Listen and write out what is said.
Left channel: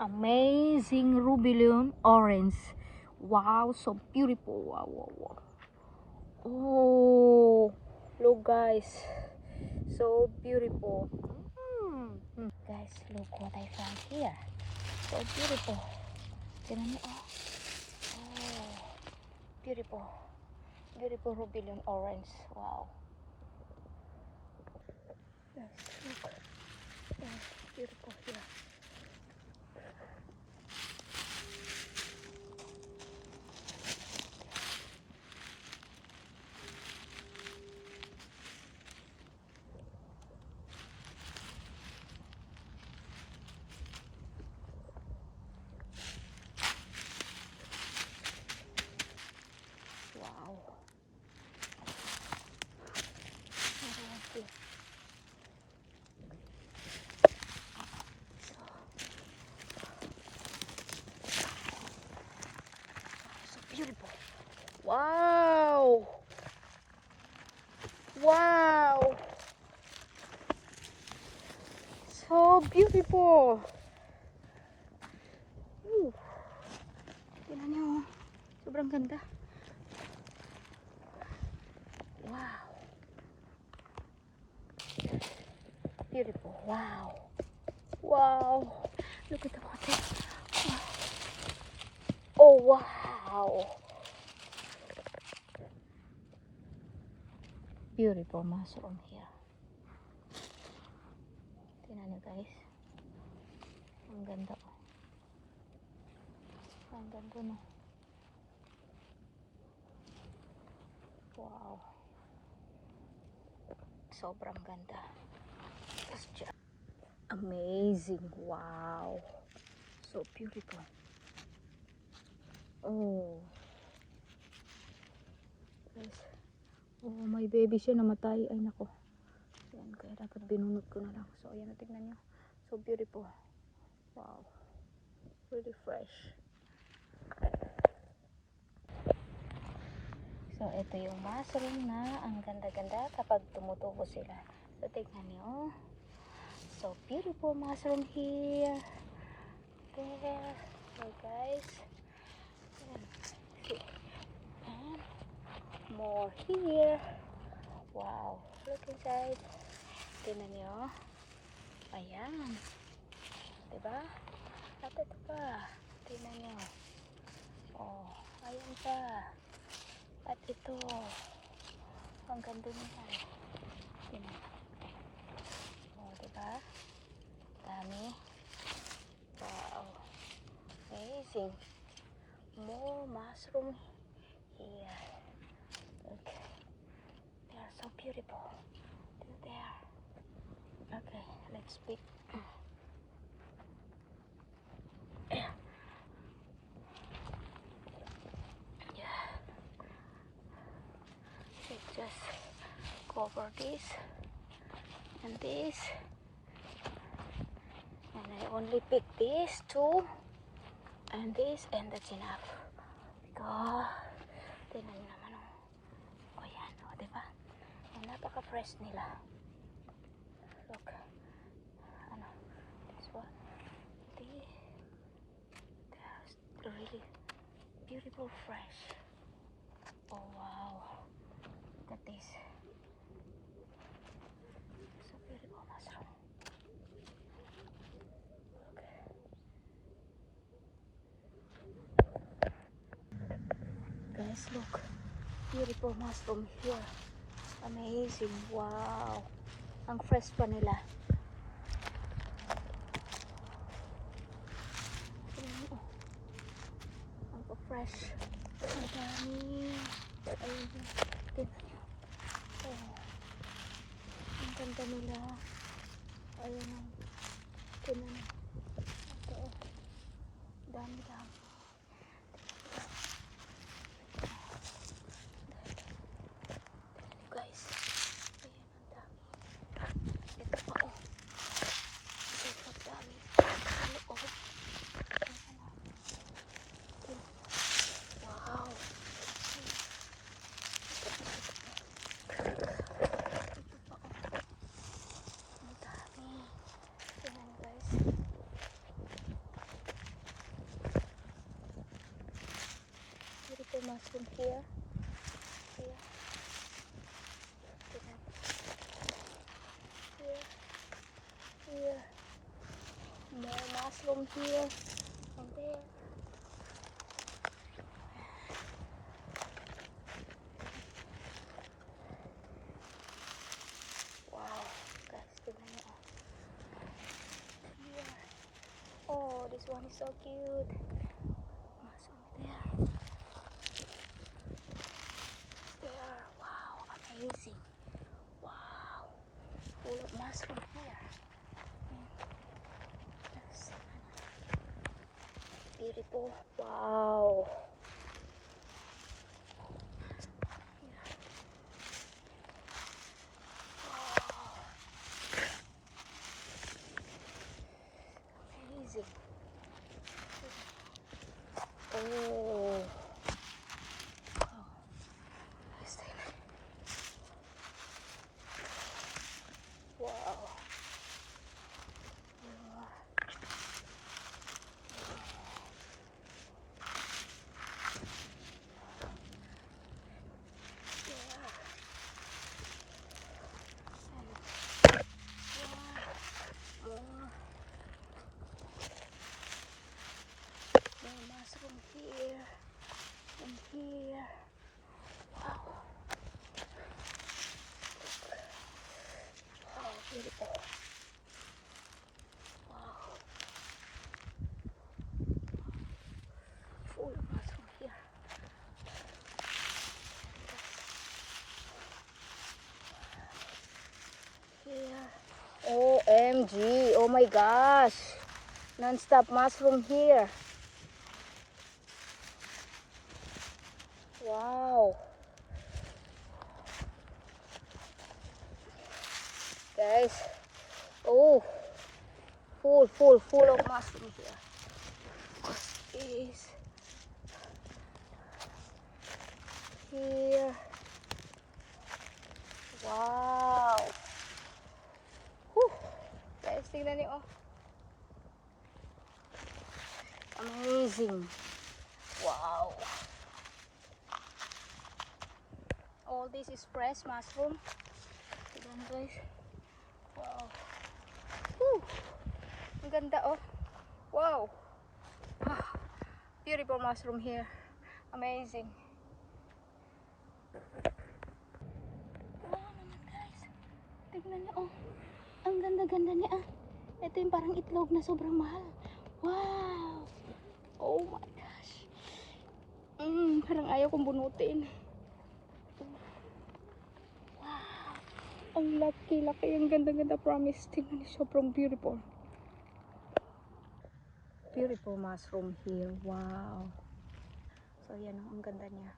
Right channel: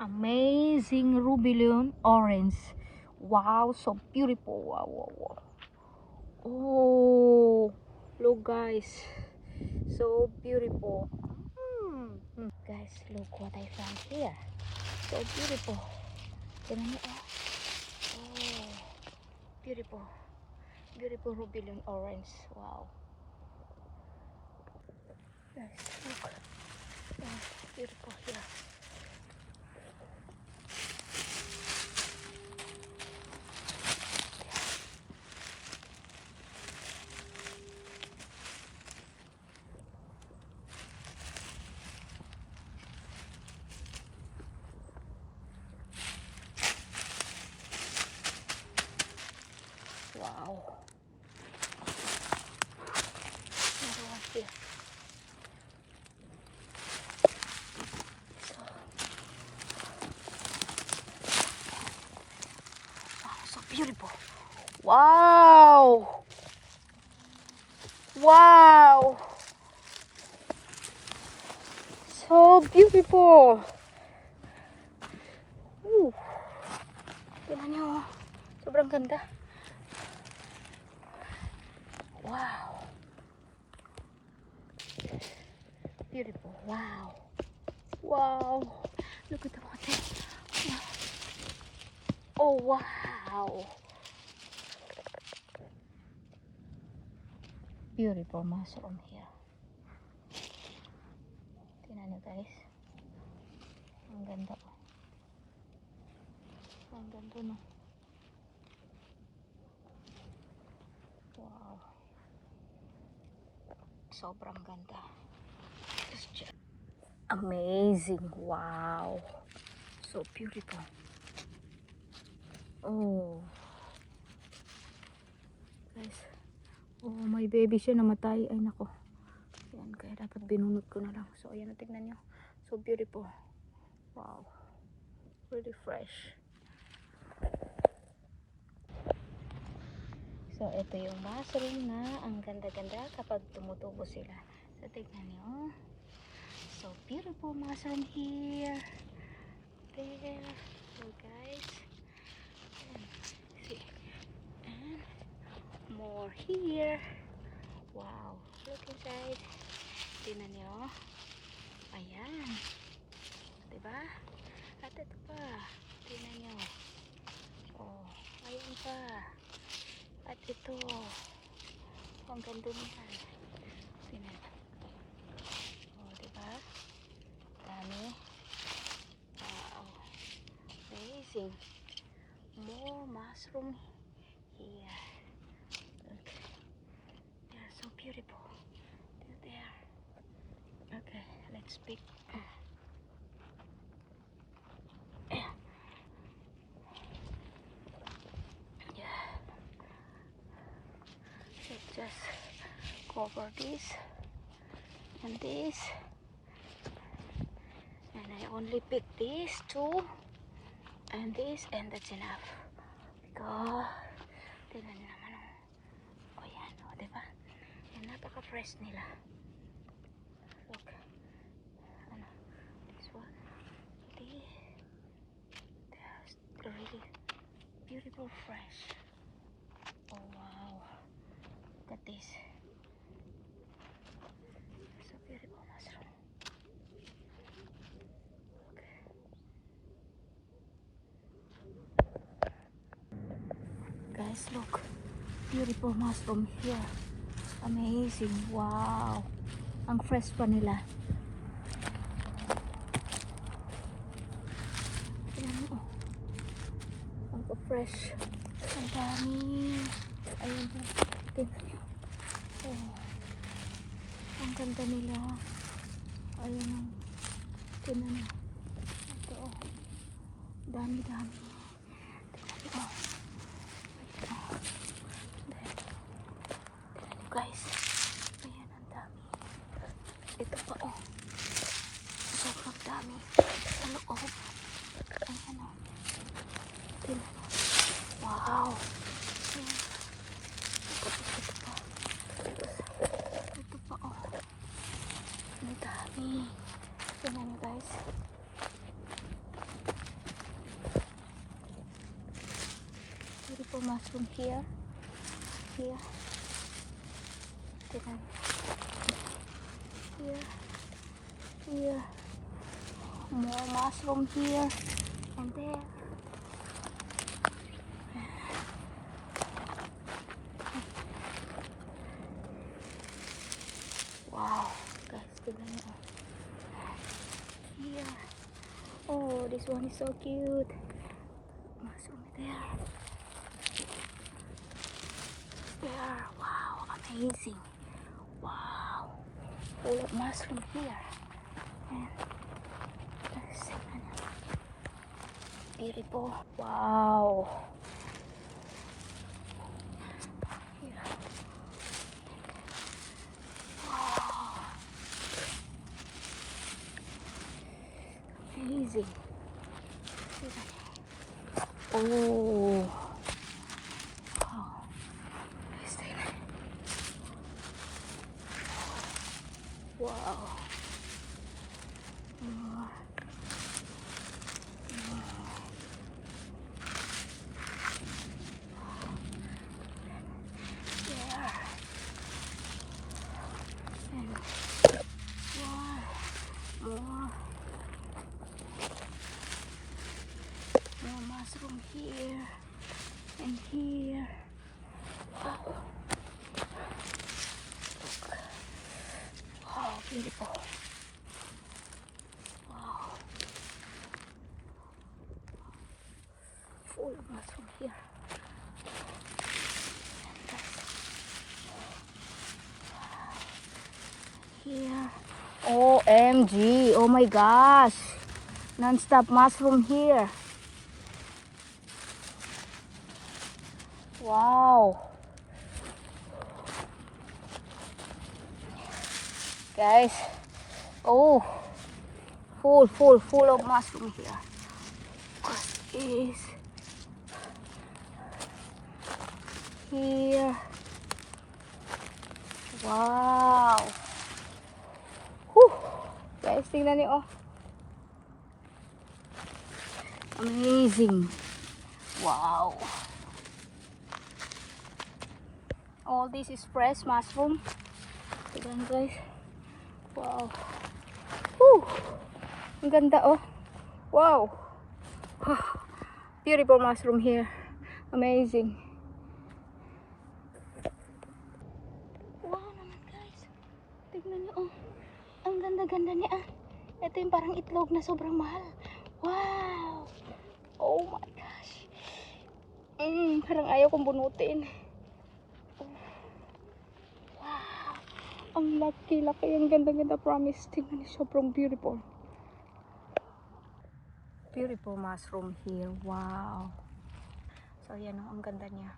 Amazing Rubidium orange. Wow, so beautiful. Wow, wow, wow. Oh, look guys, so beautiful. Guys, look what I found here. So beautiful. Oh, beautiful, beautiful Rubidium orange. Wow. Wow. So beautiful. Wow. Wow. So beautiful. Tingnan nyo. Sobrang ganda. Wow. Beautiful. Wow. Wow. Look at the water. Oh, wow. Beautiful mushroom here. Tingnan nyo guys. Ang ganda. Ang ganda no. Wow. Sobrang ganda. Amazing. Wow. So beautiful. Oh. Guys. Oh, may baby siya namatay. Ay nako. Yan, kaya dapat binunod ko na lang. So, ayan, tingnan nyo. So beautiful. Wow. Really fresh. So, ito yung mushroom na ang ganda-ganda kapag tumutubo sila. So, tingnan nyo. So, beautiful mushroom here. There. So, guys. And, see. And more here. Wow. Look inside. Tingnan nyo. Ayan. Diba? At ito pa. Tingnan nyo. Oh, ayun pa. At ito. Ang ganda nila. Tingnan. Oh, diba? Dami. Wow. Amazing. More mushroom here. Okay. They are so beautiful. They're there. Okay, let's pick. Yeah. Let's just cover this and this. And I only pick these two and this, and that's enough. Go. Tingnan nyo naman oh. O yan o, diba? Yan, napaka-fresh nila. Look. Ano? This one. This. That's really beautiful fresh. Oh wow. Look at this. So beautiful mushroom. Okay. Guys, look. Beautiful mushroom here. Amazing. Wow. Ang fresh pa nila. Ang fresh. Ang dami. Ayan po. Tingnan nyo. Oh. Ang ganda nila. Ayan o. Tingnan nyo. Ito o. Dami-dami. Tingnan nyo. Ito. Guys. Ayan ang dami. Ito pa o. Sobrang dami. Ano o. Ayan o. Tingnan nyo. Wow. Ito pa o. Ang dami. Tingnan nyo guys. mushroom here. Here. Tignan. Here. Here. More mushroom here. And there. Wow, guys, tignan nyo. Here. Oh, this one is so cute. Mushroom there. There. Wow, amazing. Wow. Full of mushroom here. And let's see. Beautiful. Wow. Here. Amazing. Oh. Let's take it. Wow. More mushroom here and here. Wow. Oh, beautiful. Wow. Full of mushroom here. Here. OMG. Oh my gosh. Non-stop mushroom here. Wow. Guys. Oh. Full of mushroom here. What is here? Wow. Whew. Guys, tingnan niyo, oh. Amazing. Wow. All this is fresh mushroom. Tignan, guys. Wow. Whew. Ang ganda, oh. Wow. Beautiful mushroom here. Amazing. Wow naman, guys. Tignan niyo, oh. Ang ganda-ganda niya, ah. Ito yung parang itlog na sobrang mahal. Wow. Oh my gosh. Parang ayaw kong bunutin. Wow. Ang laki-laki. Ang ganda-ganda, promise. Tingnan niyo, sobrang beautiful. Beautiful mushroom here. Wow. So, yan o. Ang ganda niya.